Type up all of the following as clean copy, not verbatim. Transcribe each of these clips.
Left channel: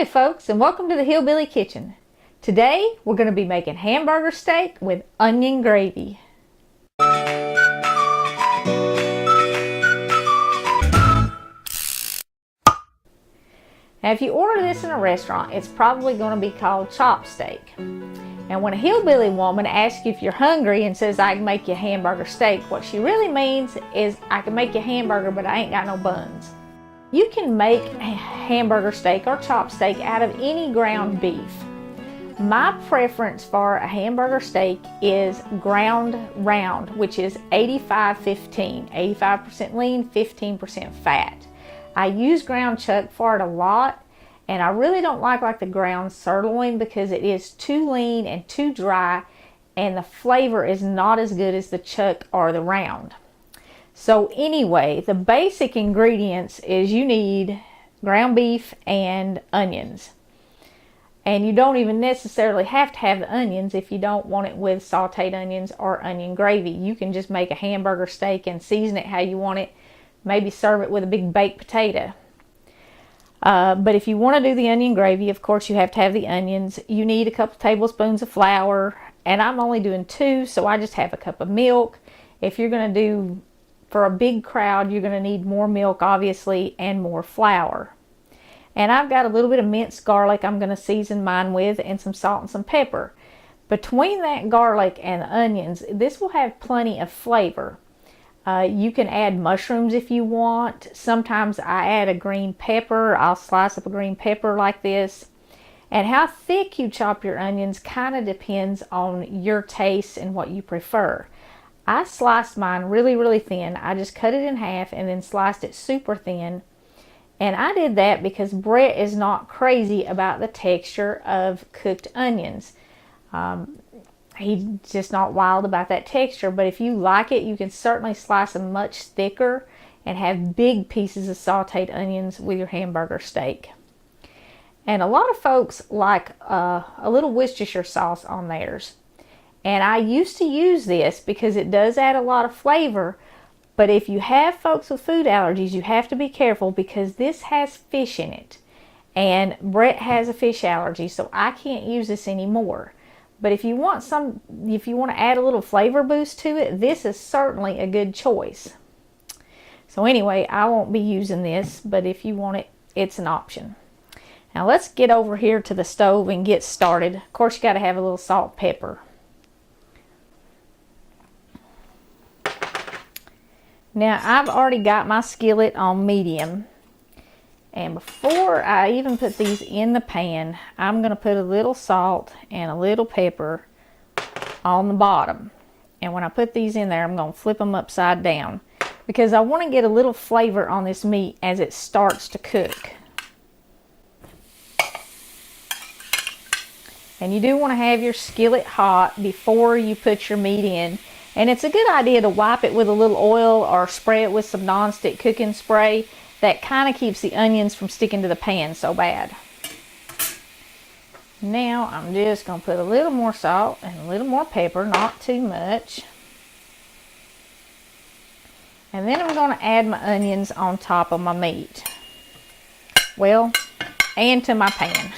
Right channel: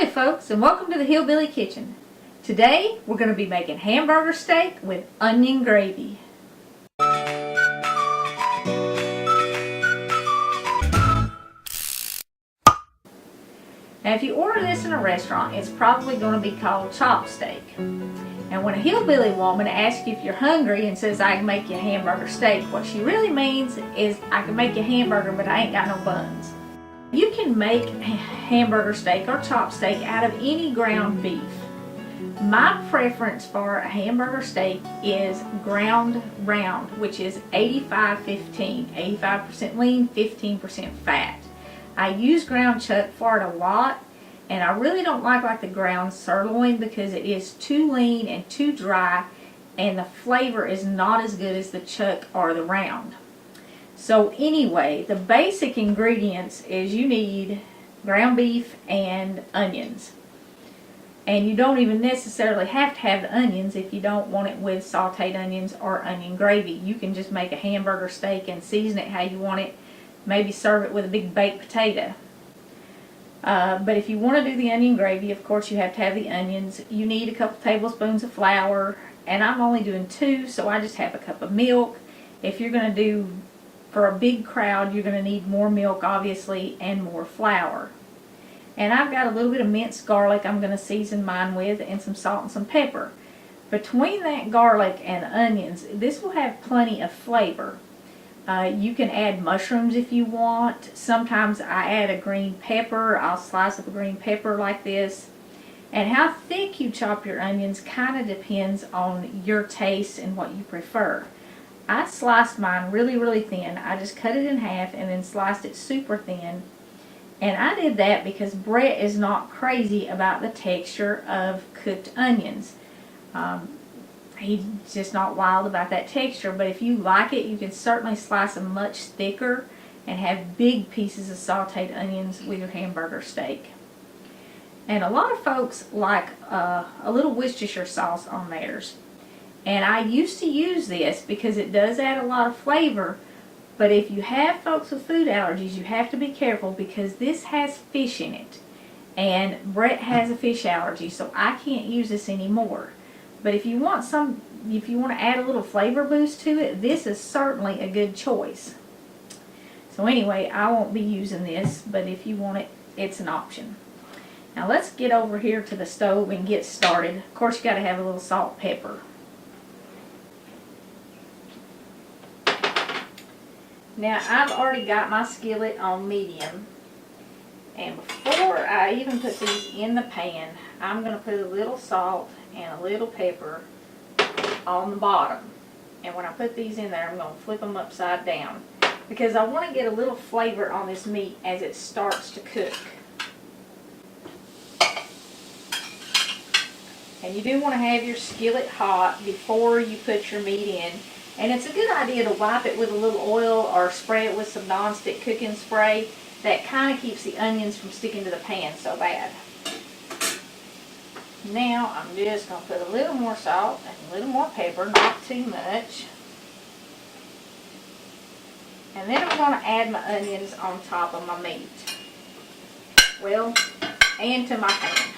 Howdy folks, and welcome to the Hillbilly Kitchen. Today we're going to be making hamburger steak with onion gravy. Now if you order this in a restaurant, it's probably going to be called chop steak. And when a hillbilly woman asks you if you're hungry and says I can make you a hamburger steak, what she really means is I can make you a hamburger but I ain't got no buns. You can make hamburger steak or chop steak out of any ground beef. My preference for a hamburger steak is ground round, which is 85-15, 85% lean, 15% fat. I use ground chuck for it a lot, and I really don't like the ground sirloin because it is too lean and too dry, and the flavor is not as good as the chuck or the round. So anyway, the basic ingredients is you need ground beef and onions. And you don't even necessarily have to have the onions if you don't want it with sauteed onions or onion gravy. You can just make a hamburger steak and season it how you want it. Maybe serve it with a big baked potato. But if you want to do the onion gravy, of course you have to have the onions. You need a couple tablespoons of flour, and I'm only doing 2, so I just have a cup of milk. If you're going to do for a big crowd, you're going to need more milk, obviously, and more flour. And I've got a little bit of minced garlic I'm going to season mine with, and some salt and some pepper. Between that garlic and the onions, this will have plenty of flavor. You can add mushrooms if you want. Sometimes I add a green pepper. I'll slice up a green pepper like this. And how thick you chop your onions kind of depends on your taste and what you prefer. I sliced mine really thin. I just cut it in half and then sliced it super thin. And I did that because Brett is not crazy about the texture of cooked onions. He's just not wild about that texture, but if you like it, you can certainly slice them much thicker and have big pieces of sauteed onions with your hamburger steak. And a lot of folks like a little Worcestershire sauce on theirs. And I used to use this because it does add a lot of flavor, but if you have folks with food allergies, you have to be careful because this has fish in it. And Brett has a fish allergy, so I can't use this anymore. But if you want to add a little flavor boost to it, this is certainly a good choice. So anyway, I won't be using this, but if you want it, it's an option. Now let's get over here to the stove and get started. Of course, you got to have a little salt and pepper. Now I've already got my skillet on medium. And before I even put these in the pan, I'm going to put a little salt and a little pepper on the bottom. And when I put these in there, I'm going to flip them upside down because I want to get a little flavor on this meat as it starts to cook. And you do want to have your skillet hot before you put your meat in. And it's a good idea to wipe it with a little oil or spray it with some non-stick cooking spray. That kind of keeps the onions from sticking to the pan so bad. Now I'm just going to put a little more salt and a little more pepper, not too much. And then I'm going to add my onions on top of my meat. Well, and to my pan.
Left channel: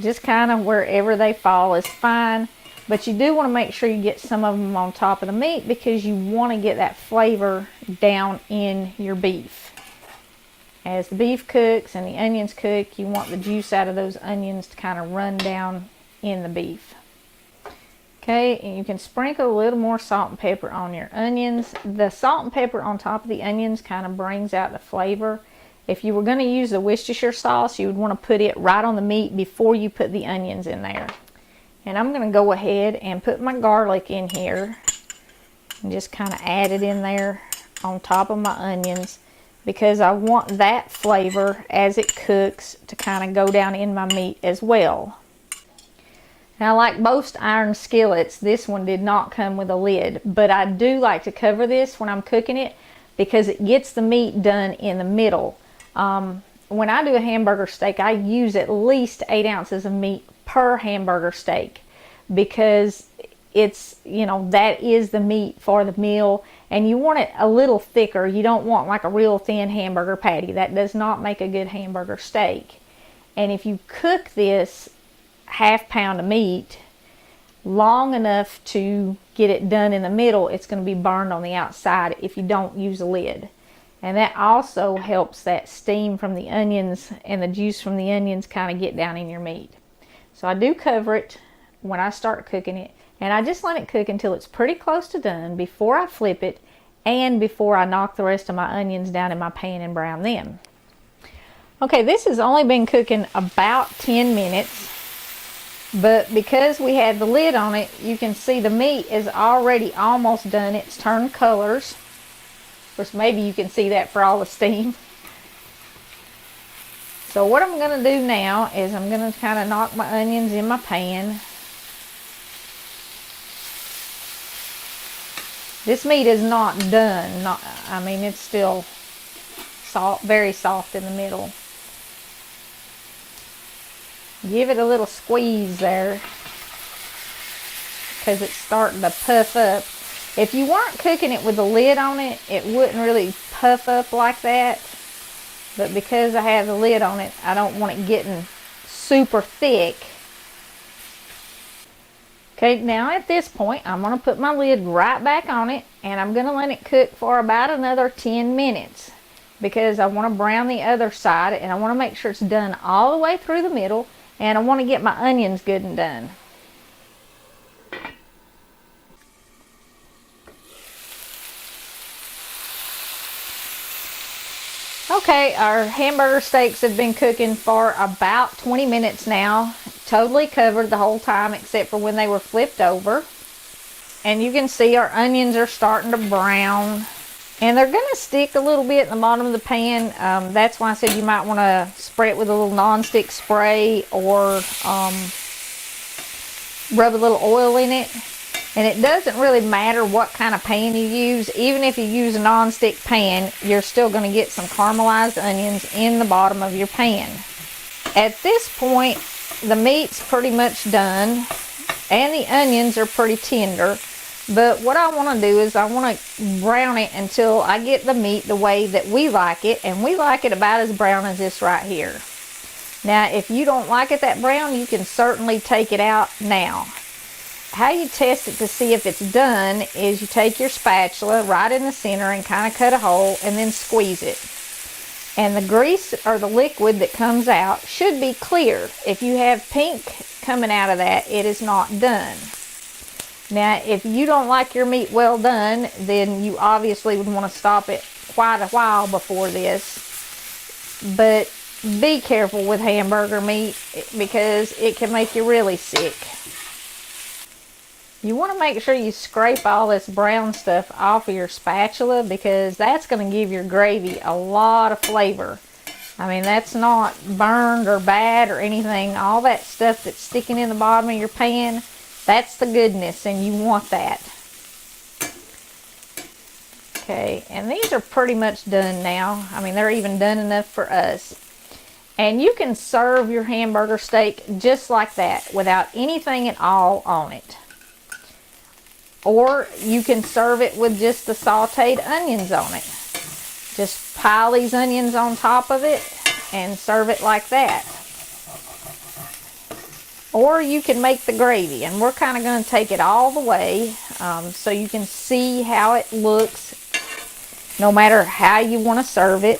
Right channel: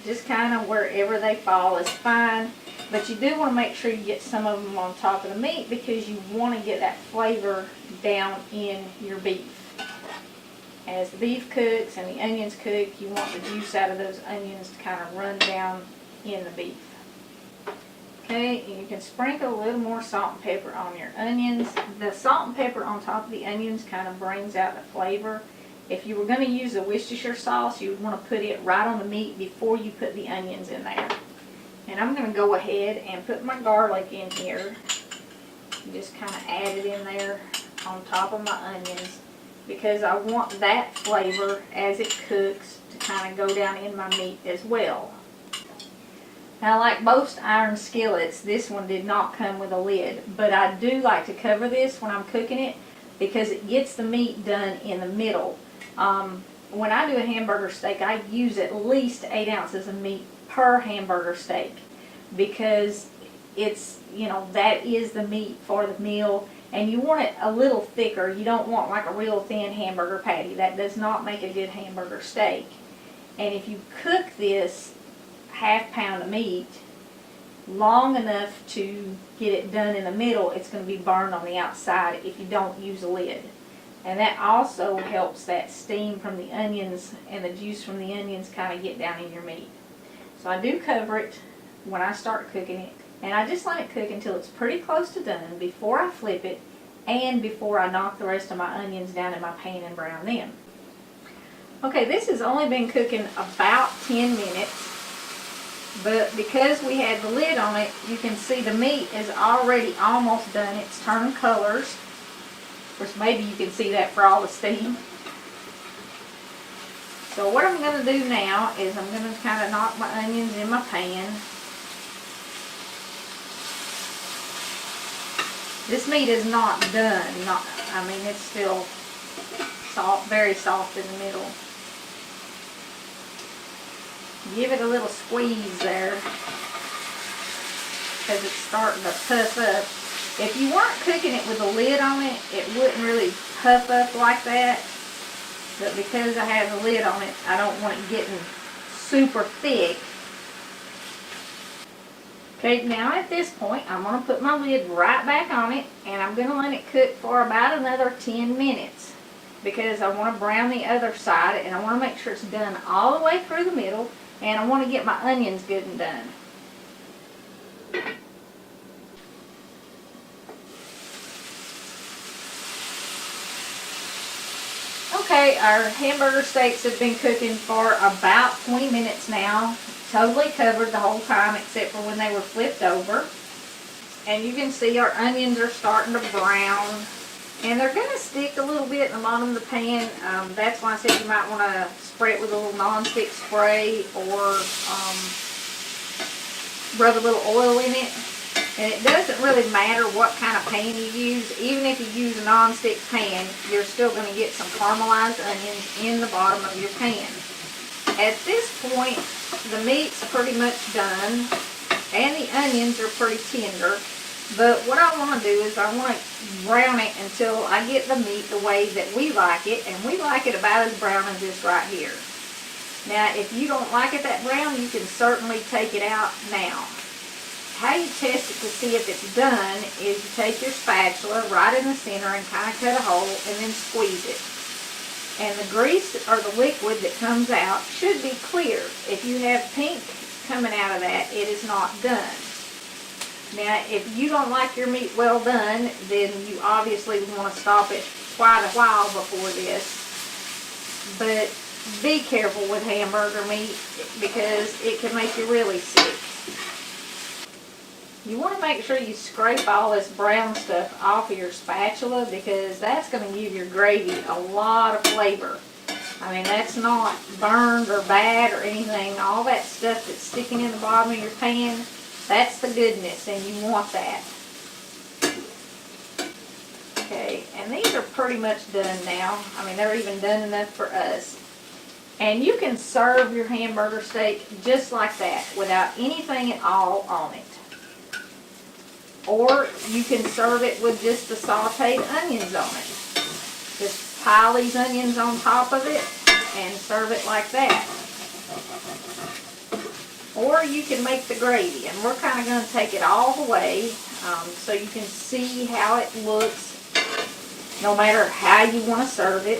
Just kind of wherever they fall is fine. But you do want to make sure you get some of them on top of the meat because you want to get that flavor down in your beef. As the beef cooks and the onions cook, you want the juice out of those onions to kind of run down in the beef. Okay, and you can sprinkle a little more salt and pepper on your onions. The salt and pepper on top of the onions kind of brings out the flavor. If you were going to use the Worcestershire sauce, you would want to put it right on the meat before you put the onions in there. And I'm going to go ahead and put my garlic in here and just kind of add it in there on top of my onions because I want that flavor as it cooks to kind of go down in my meat as well. Now, like most iron skillets, this one did not come with a lid, but I do like to cover this when I'm cooking it because it gets the meat done in the middle. When I do a hamburger steak, I use at least 8 ounces of meat per hamburger steak because it's, that is the meat for the meal, And you want it a little thicker. You don't want like a real thin hamburger patty. That does not make a good hamburger steak. And if you cook this half pound of meat long enough to get it done in the middle, it's going to be burned on the outside if you don't use a lid. And that also helps that steam from the onions and the juice from the onions kind of get down in your meat. So I do cover it when I start cooking it, and I just let it cook until it's pretty close to done before I flip it and before I knock the rest of my onions down in my pan and brown them. Okay, this has only been cooking about 10 minutes. But because we had the lid on it, you can see the meat is already almost done. It's turned colors. Of course, maybe you can see that for all the steam. So what I'm going to do now is I'm going to kind of knock my onions in my pan. This meat is not done. I mean, it's still soft, very soft in the middle. Give it a little squeeze there because it's starting to puff up. If you weren't cooking it with a lid on it, it wouldn't really puff up like that. But because I have the lid on it, I don't want it getting super thick. Okay, now at this point, I'm going to put my lid right back on it, and I'm going to let it cook for about another 10 minutes because I want to brown the other side, and I want to make sure it's done all the way through the middle. And I want to get my onions good and done. Okay, our hamburger steaks have been cooking for about 20 minutes now. Totally covered the whole time except for when they were flipped over. And you can see our onions are starting to brown. And they're going to stick a little bit in the bottom of the pan. That's why I said you might want to spray it with a little non-stick spray or rub a little oil in it. And it doesn't really matter what kind of pan you use. Even if you use a non-stick pan, you're still going to get some caramelized onions in the bottom of your pan. At this point, the meat's pretty much done. And the onions are pretty tender. But what I want to do is I want to brown it until I get the meat the way that we like it. And we like it about as brown as this right here. Now, if you don't like it that brown, you can certainly take it out now. How you test it to see if it's done is you take your spatula right in the center and kind of cut a hole and then squeeze it. And the grease or the liquid that comes out should be clear. If you have pink coming out of that, it is not done. Now, if you don't like your meat well done, then you obviously would want to stop it quite a while before this. But be careful with hamburger meat because it can make you really sick. You want to make sure you scrape all this brown stuff off of your spatula because that's going to give your gravy a lot of flavor. I mean, that's not burned or bad or anything. All that stuff that's sticking in the bottom of your pan, that's the goodness, and you want that. Okay, and these are pretty much done now. I mean, they're even done enough for us. And you can serve your hamburger steak just like that without anything at all on it. Or you can serve it with just the sauteed onions on it. Just pile these onions on top of it and serve it like that. Or you can make the gravy, and we're kind of going to take it all the way so you can see how it looks no matter how you want to serve it.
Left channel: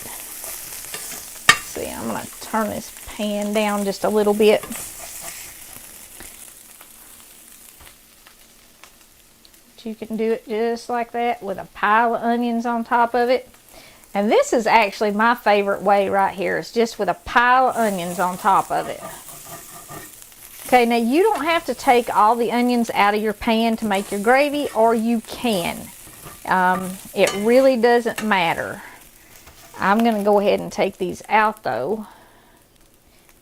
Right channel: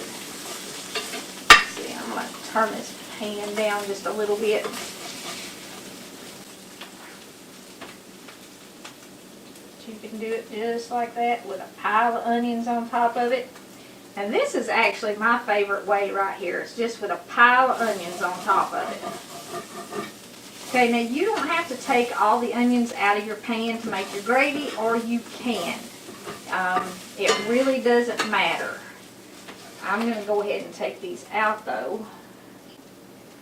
Let's see, I'm going to turn this pan down just a little bit. You can do it just like that with a pile of onions on top of it. And this is actually my favorite way right here. It's just with a pile of onions on top of it. Okay, now you don't have to take all the onions out of your pan to make your gravy, or you can. It really doesn't matter. I'm going to go ahead and take these out though.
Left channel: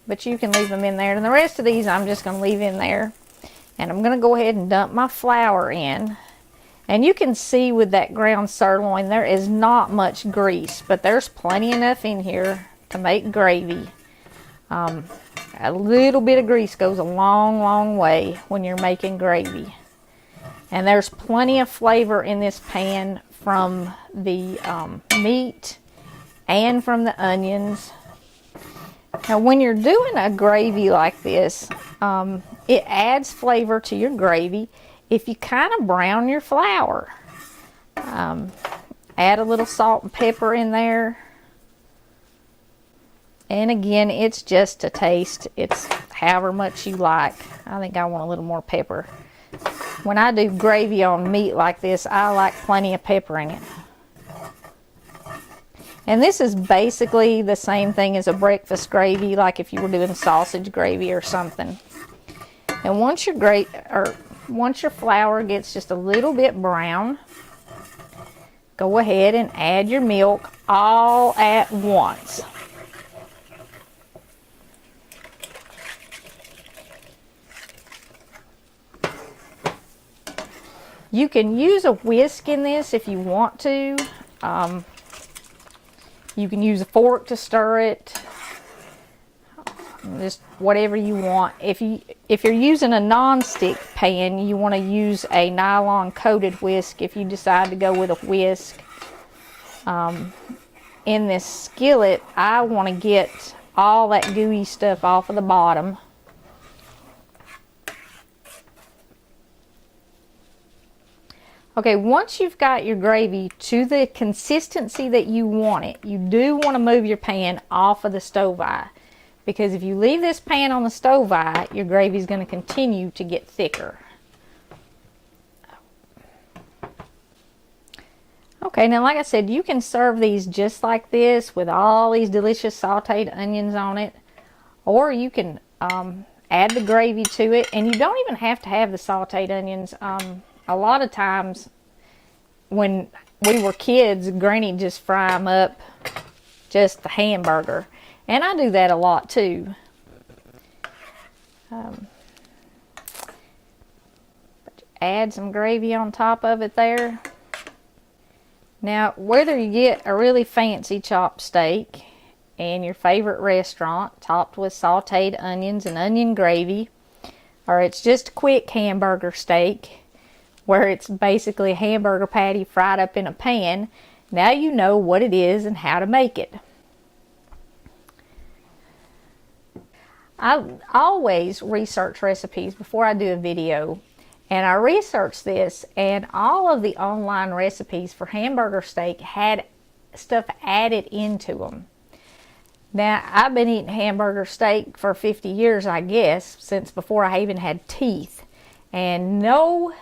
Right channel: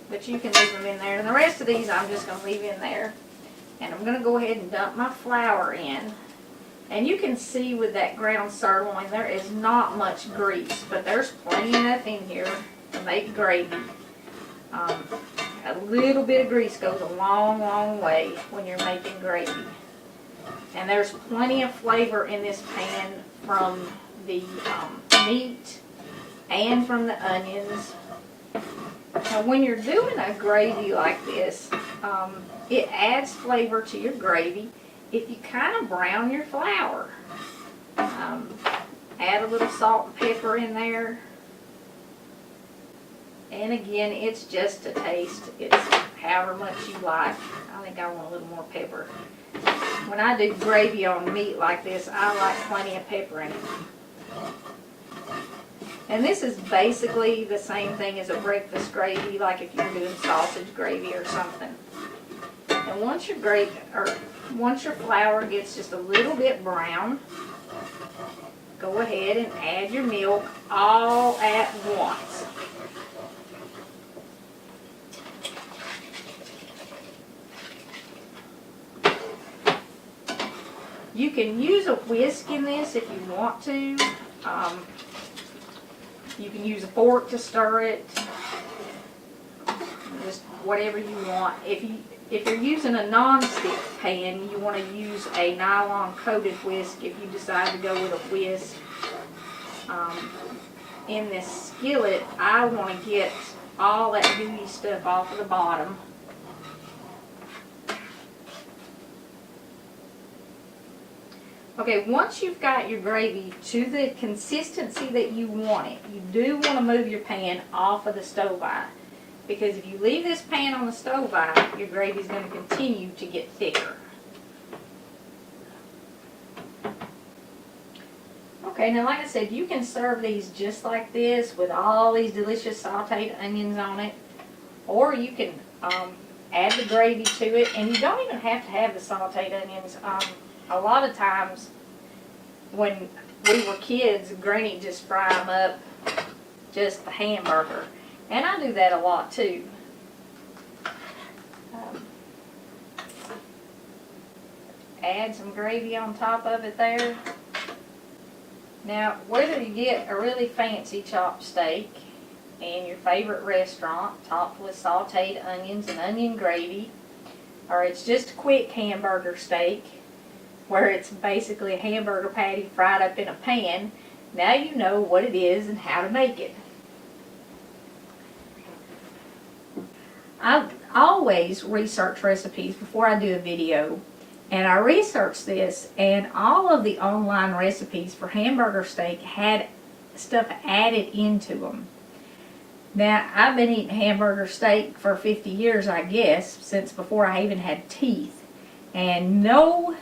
But you can leave them in there. And the rest of these I'm just going to leave in there. And I'm going to go ahead and dump my flour in. And you can see with that ground sirloin, there is not much grease, but there's plenty enough in here to make gravy. A little bit of grease goes a long, long way when you're making gravy. And there's plenty of flavor in this pan from the meat and from the onions. Now when you're doing a gravy like this, it adds flavor to your gravy if you kind of brown your flour. Add a little salt and pepper in there. And again, it's just a taste. It's however much you like. I think I want a little more pepper. When I do gravy on meat like this, I like plenty of pepper in it. And this is basically the same thing as a breakfast gravy, like if you were doing sausage gravy or something. And once your flour gets just a little bit brown, go ahead and add your milk all at once. You can use a whisk in this if you want to. You can use a fork to stir it. Just whatever you want. If you're using a non-stick pan, you want to use a nylon coated whisk if you decide to go with a whisk. In this skillet, I want to get all that gooey stuff off of the bottom. Okay, once you've got your gravy to the consistency that you want it, you do want to move your pan off of the stove eye. Because if you leave this pan on the stove eye, your gravy is going to continue to get thicker. Okay, now like I said, you can serve these just like this with all these delicious sauteed onions on it. Or you can add the gravy to it, and you don't even have to have the sauteed onions. A lot of times when we were kids, Granny just fry them up, just the hamburger. And I do that a lot too. Add some gravy on top of it there. Now, whether you get a really fancy chopped steak in your favorite restaurant, topped with sauteed onions and onion gravy, or it's just a quick hamburger steak, where it's basically a hamburger patty fried up in a pan, now you know what it is and how to make it. I always research recipes before I do a video, and I researched this, and all of the online recipes for hamburger steak had stuff added into them. Now, I've been eating hamburger steak for 50 years, I guess, since before I even had teeth, and no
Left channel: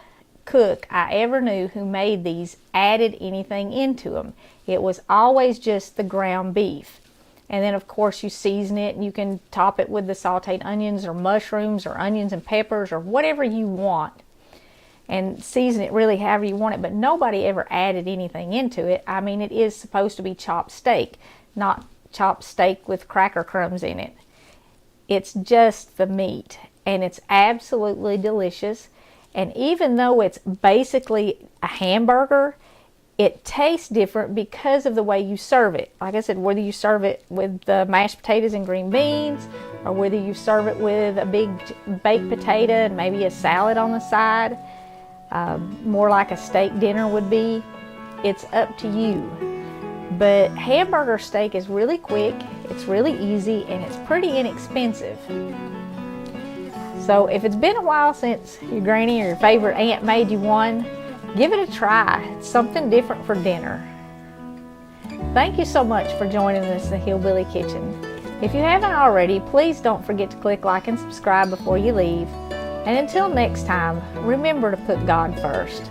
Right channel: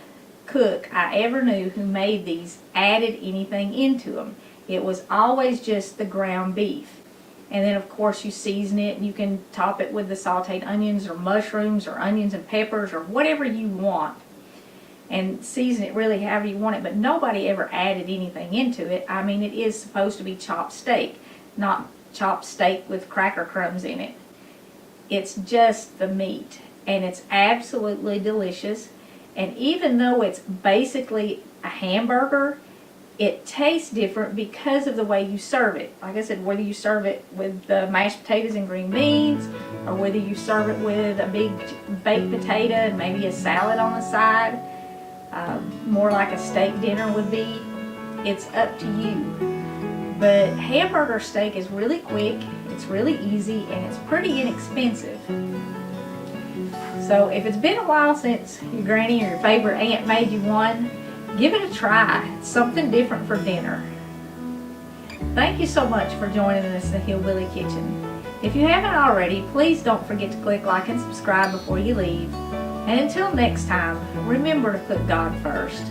cook I ever knew who made these added anything into them. It was always just the ground beef. And then of course you season it, and you can top it with the sauteed onions or mushrooms or onions and peppers or whatever you want, and season it really however you want it, but nobody ever added anything into it. I mean, it is supposed to be chopped steak, not chopped steak with cracker crumbs in it. It's just the meat, and it's absolutely delicious. And even though it's basically a hamburger, it tastes different because of the way you serve it. Like I said, whether you serve it with the mashed potatoes and green beans, or whether you serve it with a big baked potato and maybe a salad on the side, more like a steak dinner would be, it's up to you. But hamburger steak is really quick, it's really easy, and it's pretty inexpensive. So if it's been a while since your granny or your favorite aunt made you one, give it a try. It's something different for dinner. Thank you so much for joining us in the Hillbilly Kitchen. If you haven't already, please don't forget to click like and subscribe before you leave. And until next time, remember to put God first.